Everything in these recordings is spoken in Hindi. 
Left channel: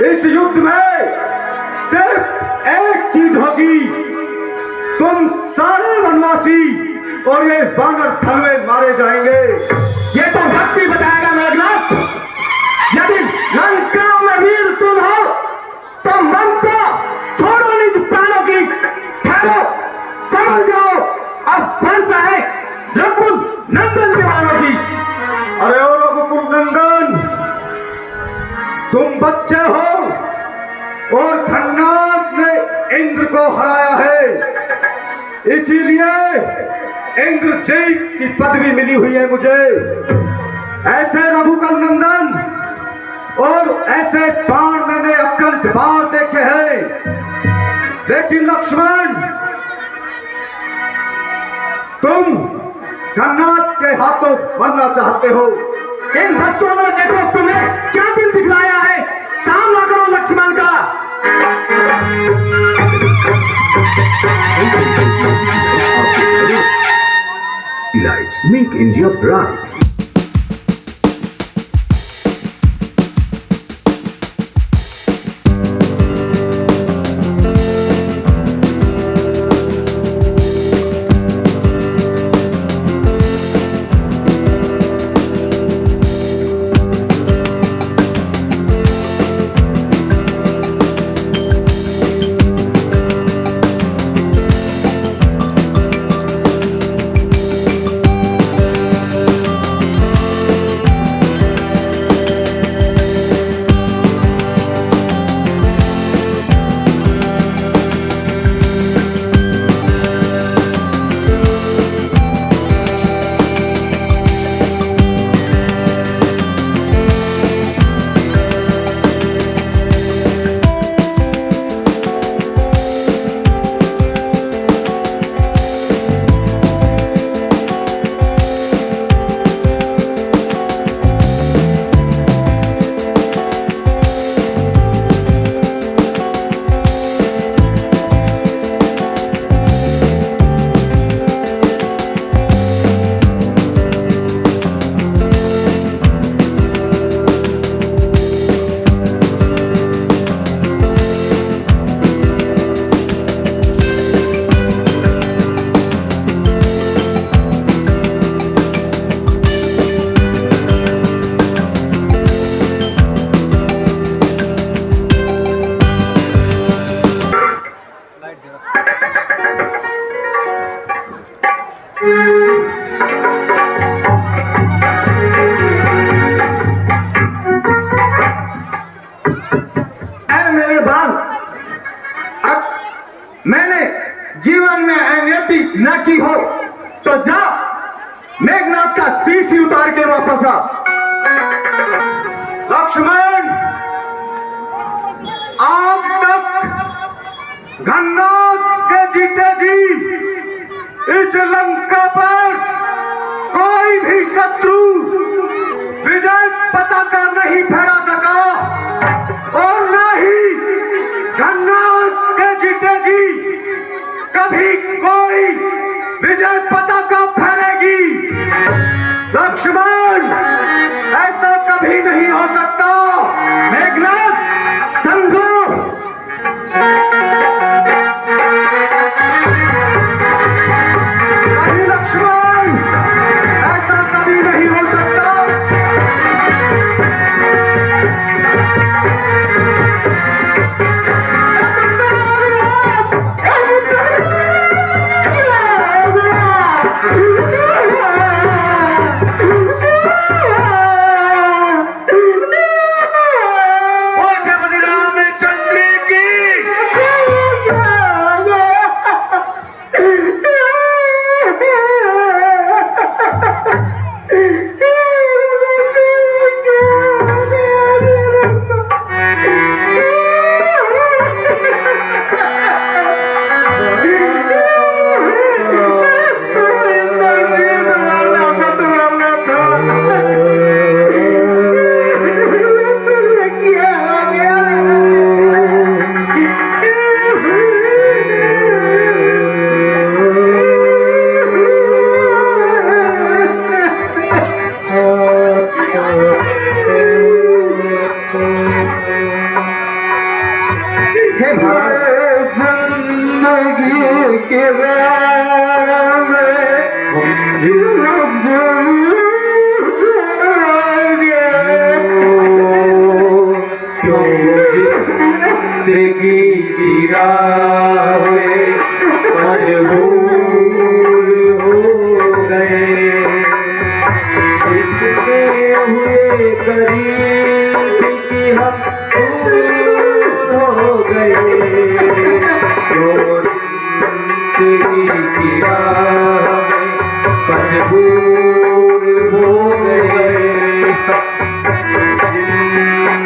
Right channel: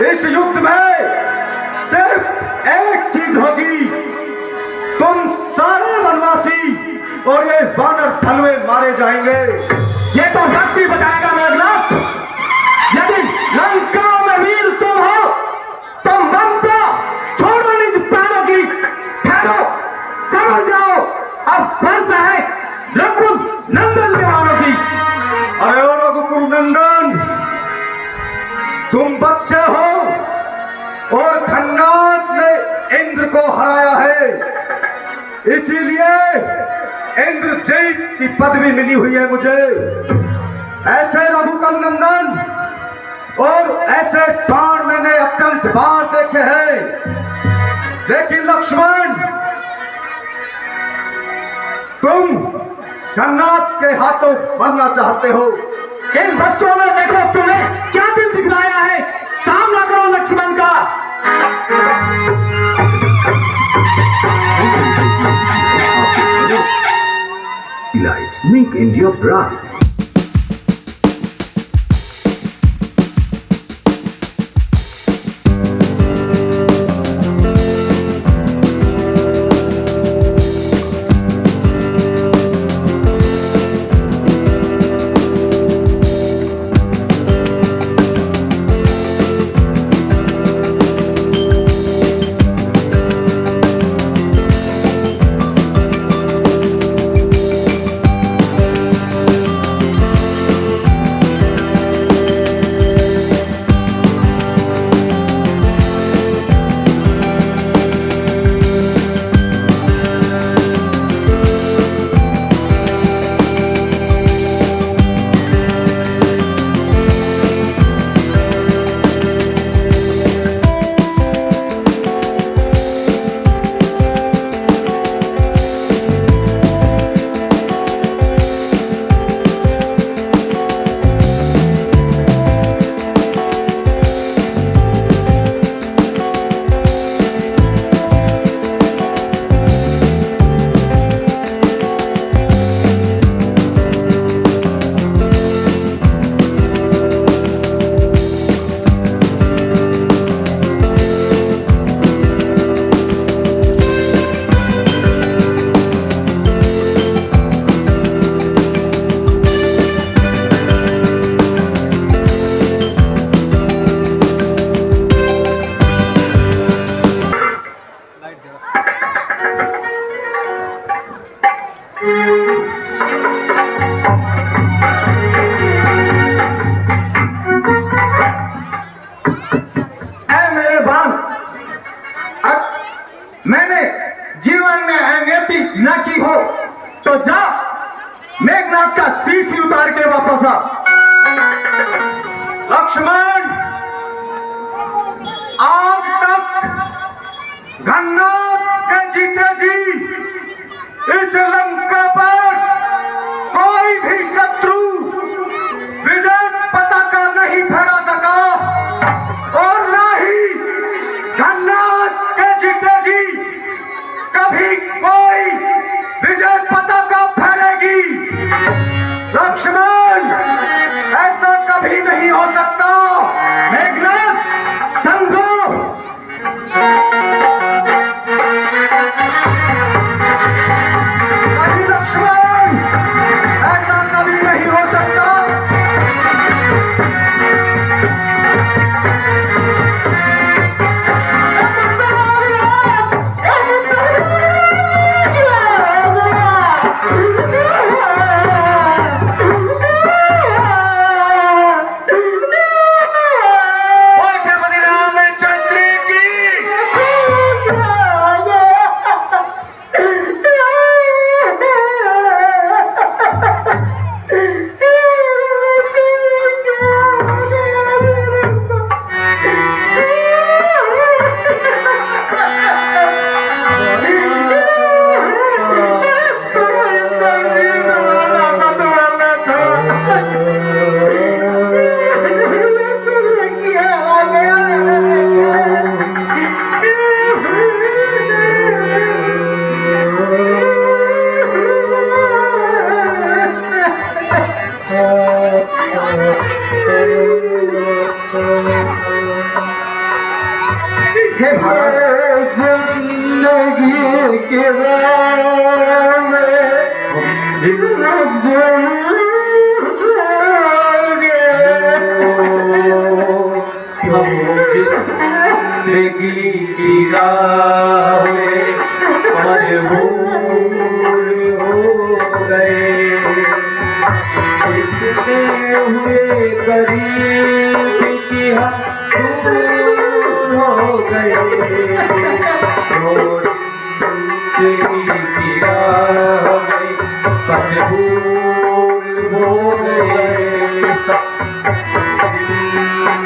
इस युद्ध में सिर्फ एक चीज होगी, तुम सारे वनवासी और ये वानर थलवे मारे जाएंगे। ये तो वक्त ही बताएगा मेघनाथ। यदि लंका में वीर तुम हो तो ममता छोड़ो, निज प्राणों की ठहरो, समझ जाओ अब वर्षा है रघुकुल नंदन विमानों की। अरे ओ रघुकुल नंदन, तुम बच्चे हो और खन्नाद ने इंद्र को हराया है, इसीलिए इंद्रजीत की पदवी मिली हुई है मुझे। ऐसे रघुकुल नंदन और ऐसे बाण मैंने अत्यंत बार देखे हैं, लेकिन लक्ष्मण तुम खन्नाद के हाथों बनना चाहते हो। इन बच्चों ने देखो तुम्हें क्या दिल दिखलाया है, सामना करो लक्ष्मण का। Lights make India bright. मैंने जीवन में अनियति न की हो तो जा मेघनाथ का शीश ही उतार के वापस आ। लक्ष्मण, आज तक खन्नाद के जीते जी इस लंका पर कोई भी शत्रु विजय पताका नहीं फहरा सका और न ही खन्नाद के जीते जी कभी कोई विजय पताका फहरेगी। लक्ष्मण, ऐसा कभी नहीं हो सकता। हे महाराज, जिंदगी के राह जिंदगी की राह में मजबूर हो गए, इतने हुए करीब कि हम दूर हो गए, तो जिंदगी की राह में मजबूर हो गए,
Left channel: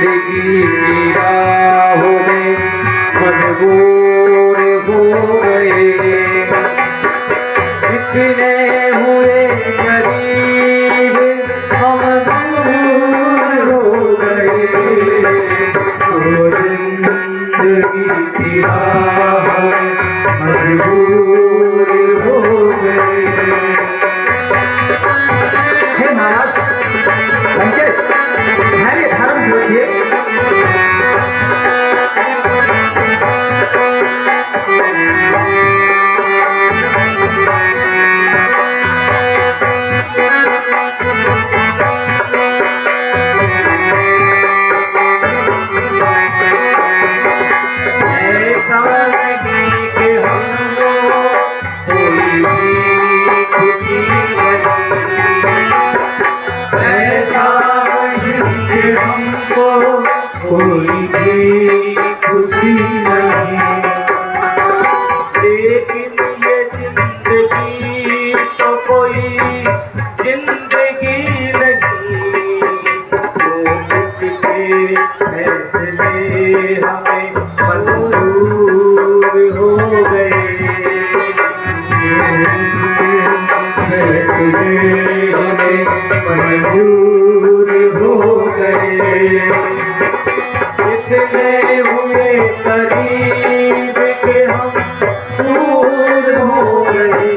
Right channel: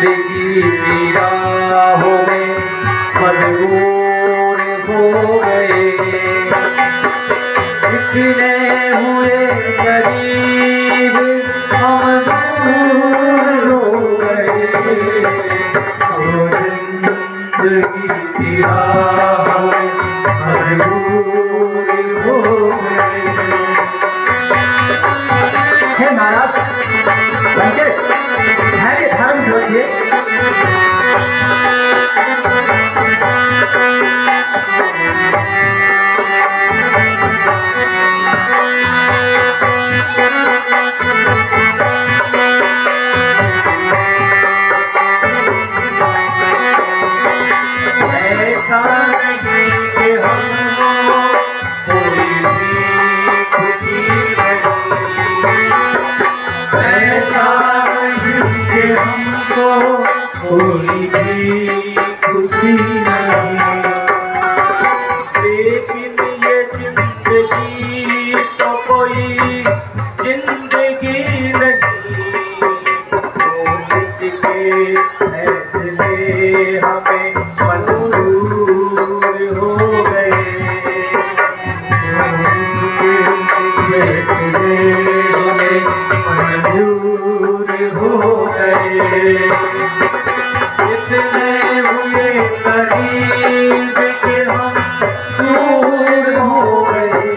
जिंदगी की राहों में मजबूर हो गए, इतने हुए करीब हम दूर हो गए, तो जिंदगी की राहों में मजबूर हो गए। हे महाराज लंकेश, धैर्य धारण रखिए। ऐसा नहीं कि हमको कोई भी खुशी नहीं, ऐसा नहीं कि हमको कोई भी खुशी नहीं, लेकिन ये जिंदगी तो कोई जिंदगी नहीं, तो इसके फैसले हमें मंजूर हो गए, फैसले हमें मंजूर हो गए, इतने हुए करीब कि हम दूर हो गए,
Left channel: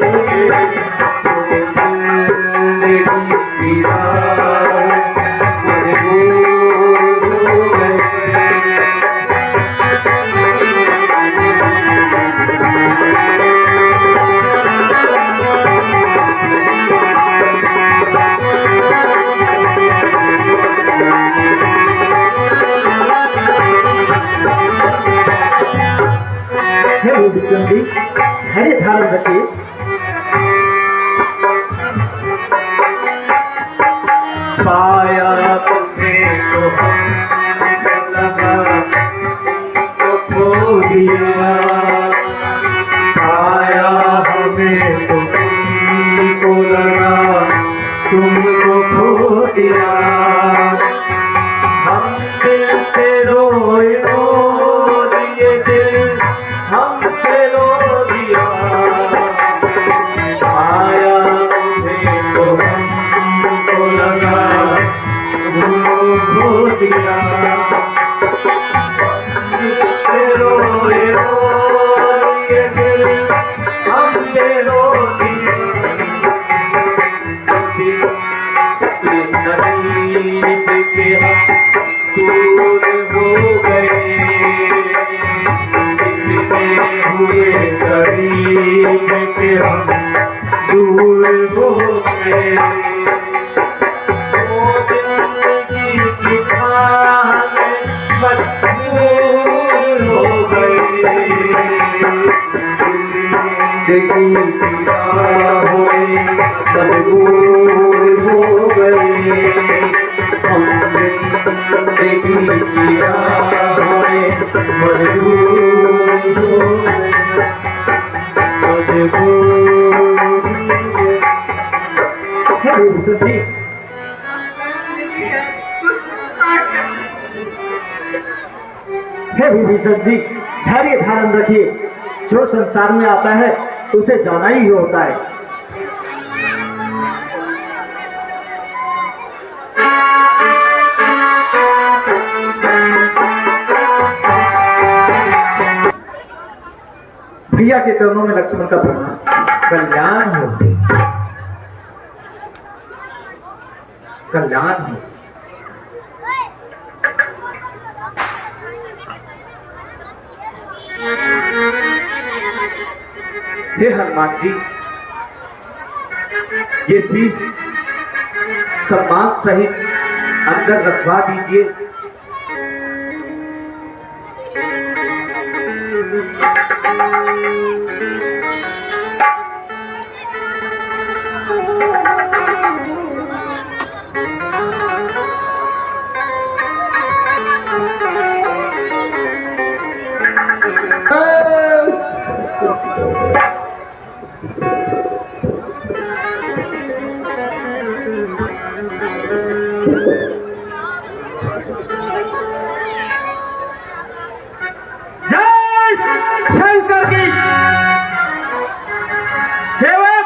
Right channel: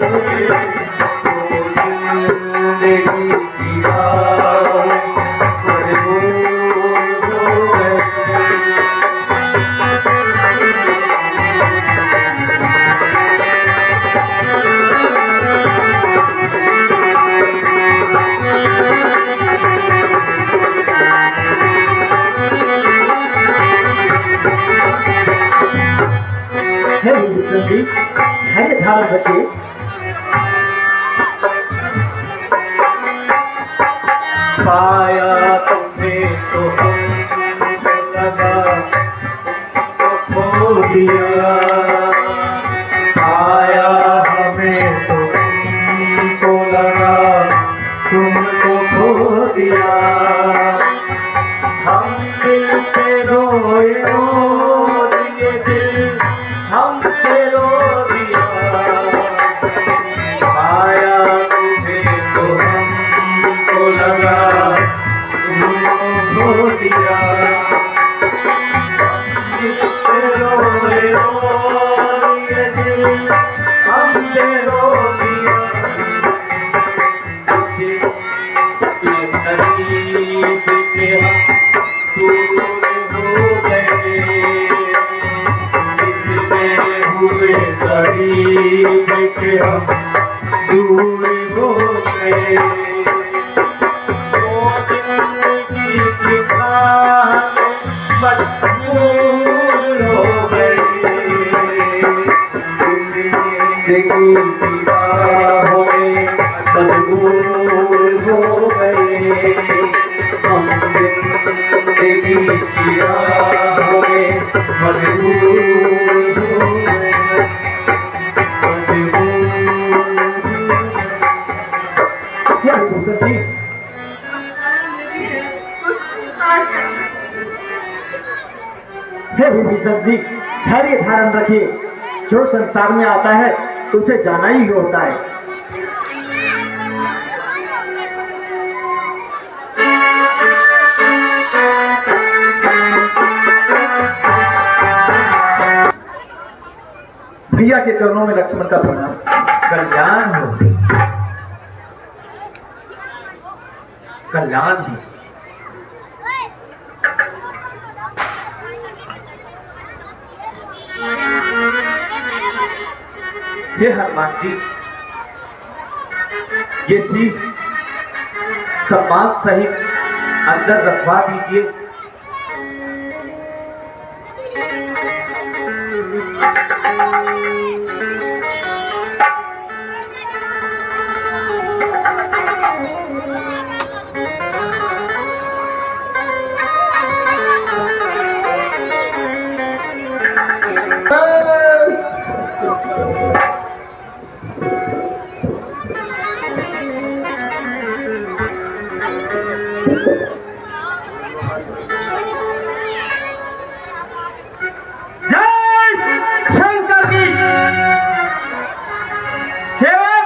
जिंदगी की राह मजबूर हो गए। हे विष्णु जी, धैर्य धारण रखिए। पाया तुम्हें तो हमको लगा तो खो दिया, पाया हमें तो तुमको लगा तुमको खो दिया, हम दिल से रोए रो दिए दिल हमसे रो दिया, आया तुझे तो हमको लगा तुमको खो दिया, हमसे रोए रो दिए दिल हमसे रो दिया, नसीब के दूर हो गए, हुए करीब के हम दूर हो गए, ओ जिंदगी की राह में मजबूर हो गए, जिंदगी की राहों में मजबूर हो गए, हम जिंदगी की राहों में मजबूर हो गए, हे विष्णु जी, हे विभीषण जी, धैर्य धारण रखिए। जो संसार में आता है तो उसे जाना ही होता है। भैया के चरणों में लक्ष्मण का प्रणाम। कल्याण हो, कल्याण हो। हे हनुमान जी, ये शीश सम्मान सहित अंदर रखवा दीजिए। जय शंकर की सेवक,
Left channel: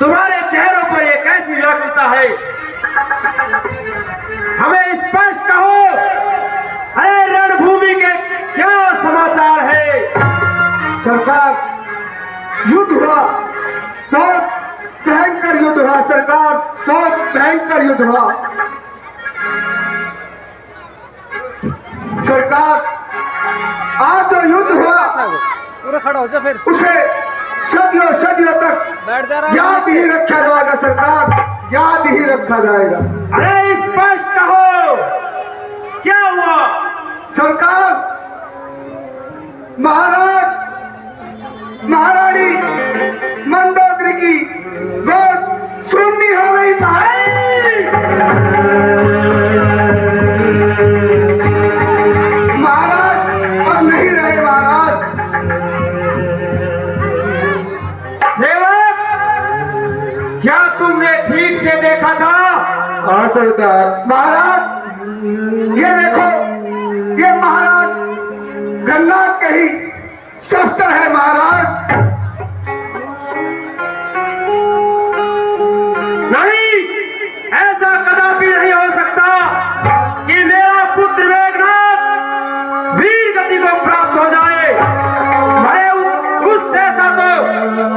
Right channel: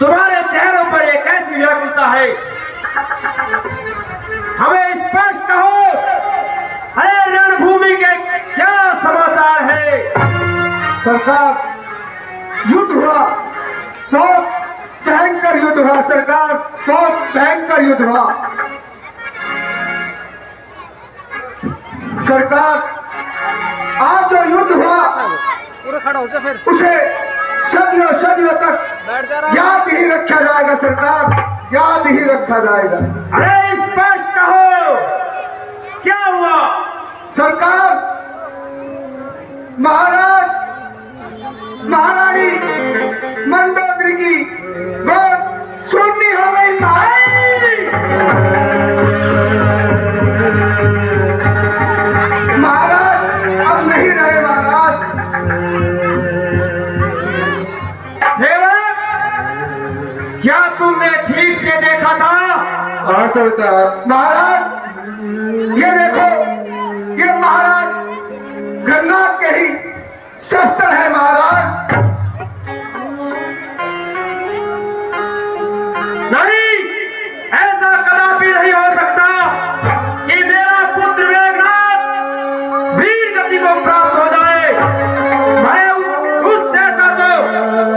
तुम्हारे चेहरों पर ये कैसी व्याकुलता है? हमें स्पष्ट कहो, अरे रणभूमि के क्या समाचार है? सरकार, युद्ध हुआ, बहुत भयंकर युद्ध हुआ सरकार, बहुत भयंकर युद्ध हुआ सरकार। आज जो युद्ध हुआ पूरा खड़ा हो जा फिर उसे सदियों सदियों तक याद ही रखा जाएगा सरकार, याद ही रखा जाएगा। अरे स्पष्ट कहो, क्या हुआ? सरकार, महाराज महारानी मंदोदरी की गोद शून्य हो गई। महाराज अब नहीं रहे महाराज। सेवक, क्या तुमने ठीक से देखा था? हाँ सरकार। महाराज ये देखो, ये महाराज गन्नाथ के ही शस्त्र है महाराज। नहीं, ऐसा कदापि नहीं हो सकता कि मेरा पुत्र मेघनाथ वीर गति को प्राप्त हो जाए। मैं उस जैसा तो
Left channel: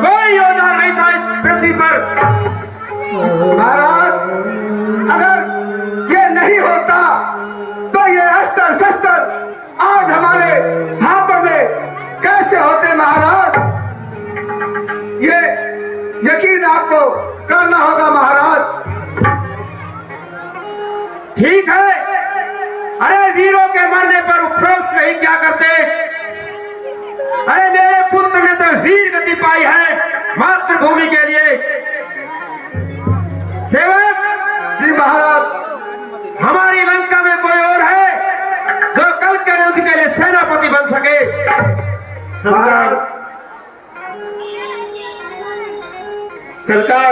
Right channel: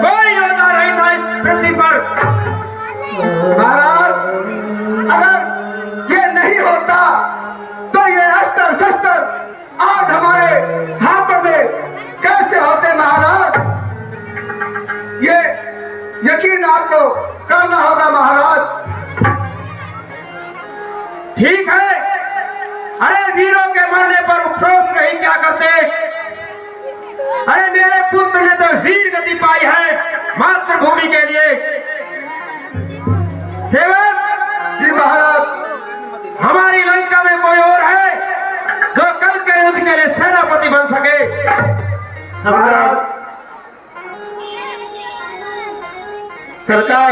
कोई योद्धा नहीं था इस पृथ्वी पर। महाराज अगर ये नहीं होता तो ये अस्त्र शस्त्र आज हमारे हाथों में कैसे होते महाराज? ये यकीन आपको करना होगा महाराज। ठीक है, अरे वीरों के मरने पर उपरोस नहीं क्या करते? अरे मेरे पुत्र ने तो वीर गति पाई है मातृभूमि के लिए। सेवक जी महाराज। हमारी लंका में कोई और है जो कल के युद्ध के लिए सेनापति बन सके? सरकार, सरकार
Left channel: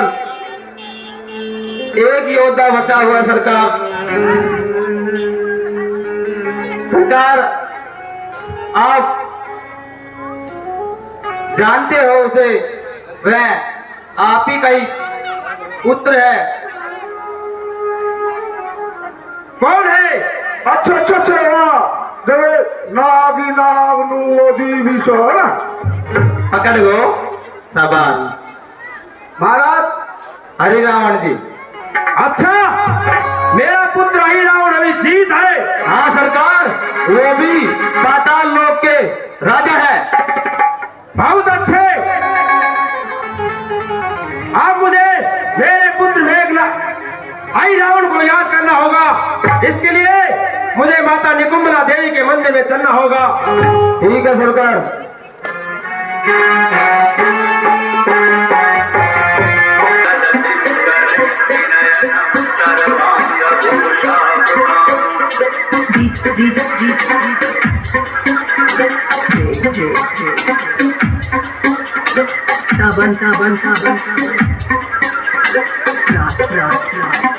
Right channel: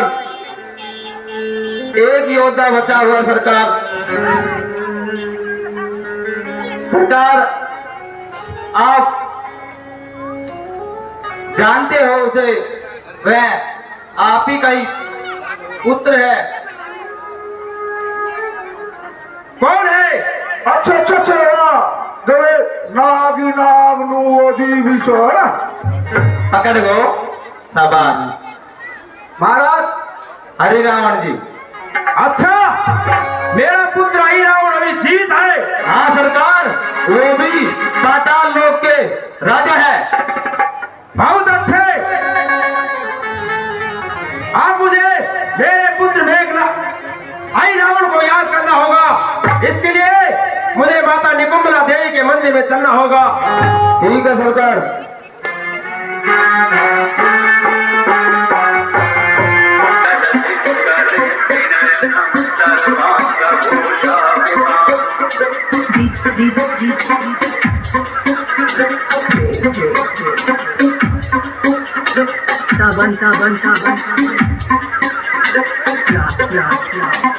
एक योद्धा बचा हुआ सरकार। सरकार आप जानते हो उसे, वह आप ही का ही पुत्र है। कौन है? अच्छा अच्छा अच्छा जब नागी नाग नु ओदी भी सो ना पकड़ गो, शाबाश। महाराज हरि रावण जी। अच्छा, मेरा पुत्र हरि रावण अभी जीत है? हाँ सरकार, वो भी पाताल लोक के राजा है। बहुत अच्छे। आप मुझे मेरे पुत्र मेघनाथ हरि रावण को याद करना होगा। इसके लिए मुझे माता निकुंभला देवी के मंदिर में चलना होगा। ठीक है सरकार। साबन साबन साबन रात रात रात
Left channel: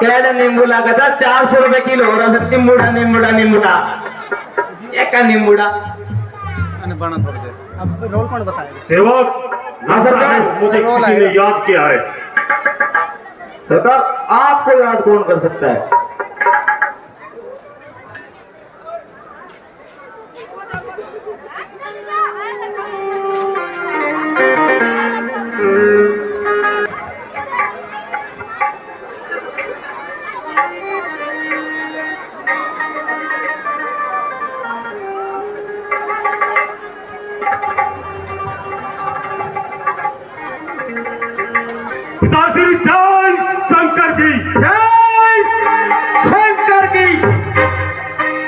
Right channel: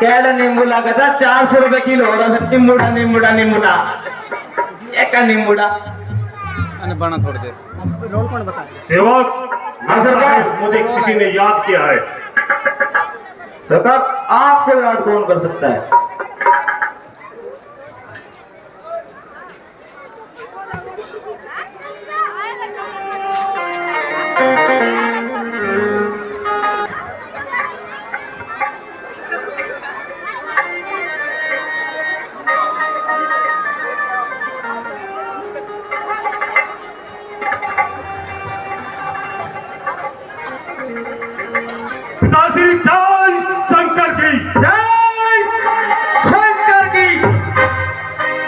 केड़ा नींबूला कहता 400 रुपए किलो हो रहा है। नींबूड़ा नींबूड़ा नींबूड़ा एक नींबूड़ा बना थोड़ी देर अब रोल कौन बताएगा? सेवक, हाँ सरकार। मुझे किसी ने याद किया है। सरकार आपको याद कौन कर सकता है? पिताश्री जय शंकर की जय शंकर की।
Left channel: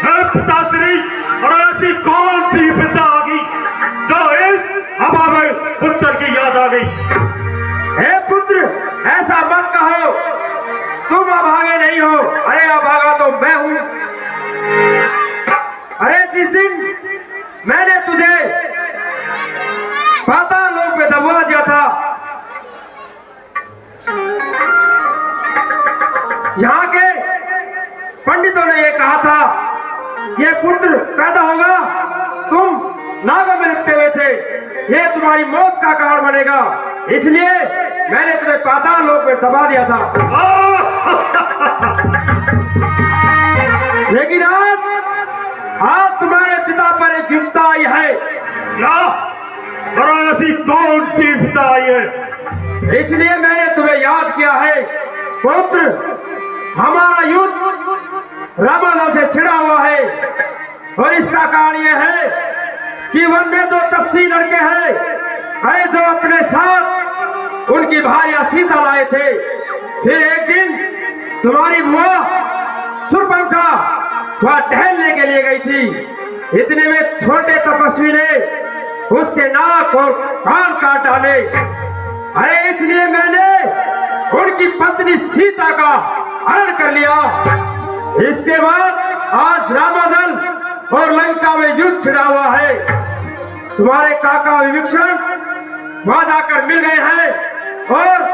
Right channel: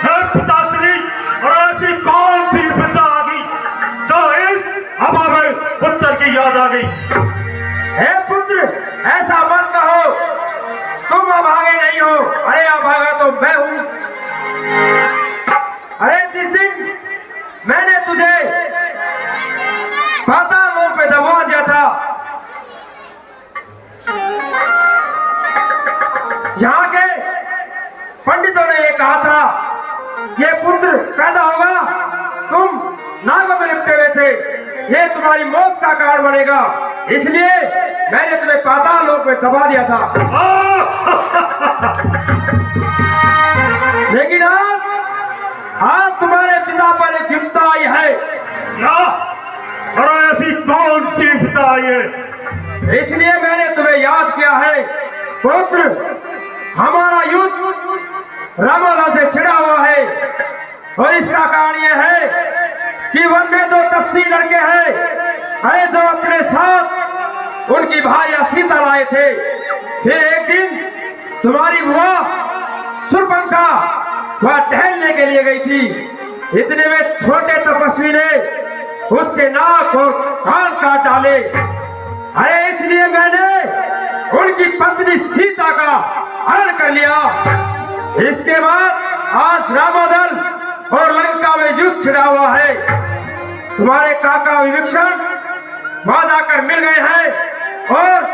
है पिताश्री, और ऐसी कौन सी विपदा आ गई जो इस हवा में पुत्र की याद आ गई? हे पुत्र, ऐसा मत कहो, तुम अभागे नहीं हो। अरे अभागा तो मैं हूं। अरे जिस दिन मैंने तुझे पाताल लोक में दबवा दिया था, यहाँ के पंडितों ने ये कहा था ये पुत्र पैदा होगा, तुम नागों में लिपटे हुए थे, ये तुम्हारी मौत का कारण बनेगा, इसलिए मैंने तुम्हें पाताल लोक में दबा दिया था। लेकिन आज तुम्हारे पिता पर एक विपदा आई है। क्या? और ऐसी कौन सी विपदा आई है? इसलिए मैंने तुम्हें याद किया है। पुत्र, हमारा युद्ध रामादा से छिड़ा हुआ है, और इसका कारण यह है कि वन में 2 तपसी लड़के हैं, अरे जो अपने साथ उनकी भार्या सीता लाए थे। फिर एक दिन तुम्हारी बुआ सुरपंखा वह टहलने के लिए गई थी। इतने में छोटे तपस्वी ने उसके नाक और कान काट डाले। अरे इसलिए मैंने उनकी पत्नी सीता का हरण कर लिया। इस इसके बाद आज रामादल और लंका में युद्ध छिड़ा हुआ है। तुम्हारे काका विभीषण वहां जाकर मिल गए हैं और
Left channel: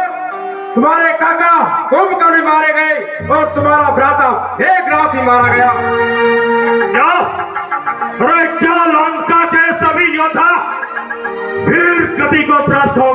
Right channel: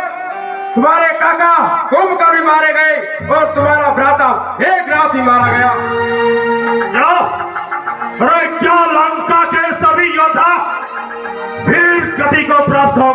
तुम्हारे काका कुंभकर्ण मारे गए और तुम्हारा भ्राता एक रात ही मारा गया। क्या? अरे क्या लंका के सभी योद्धा वीर गति को प्राप्त हो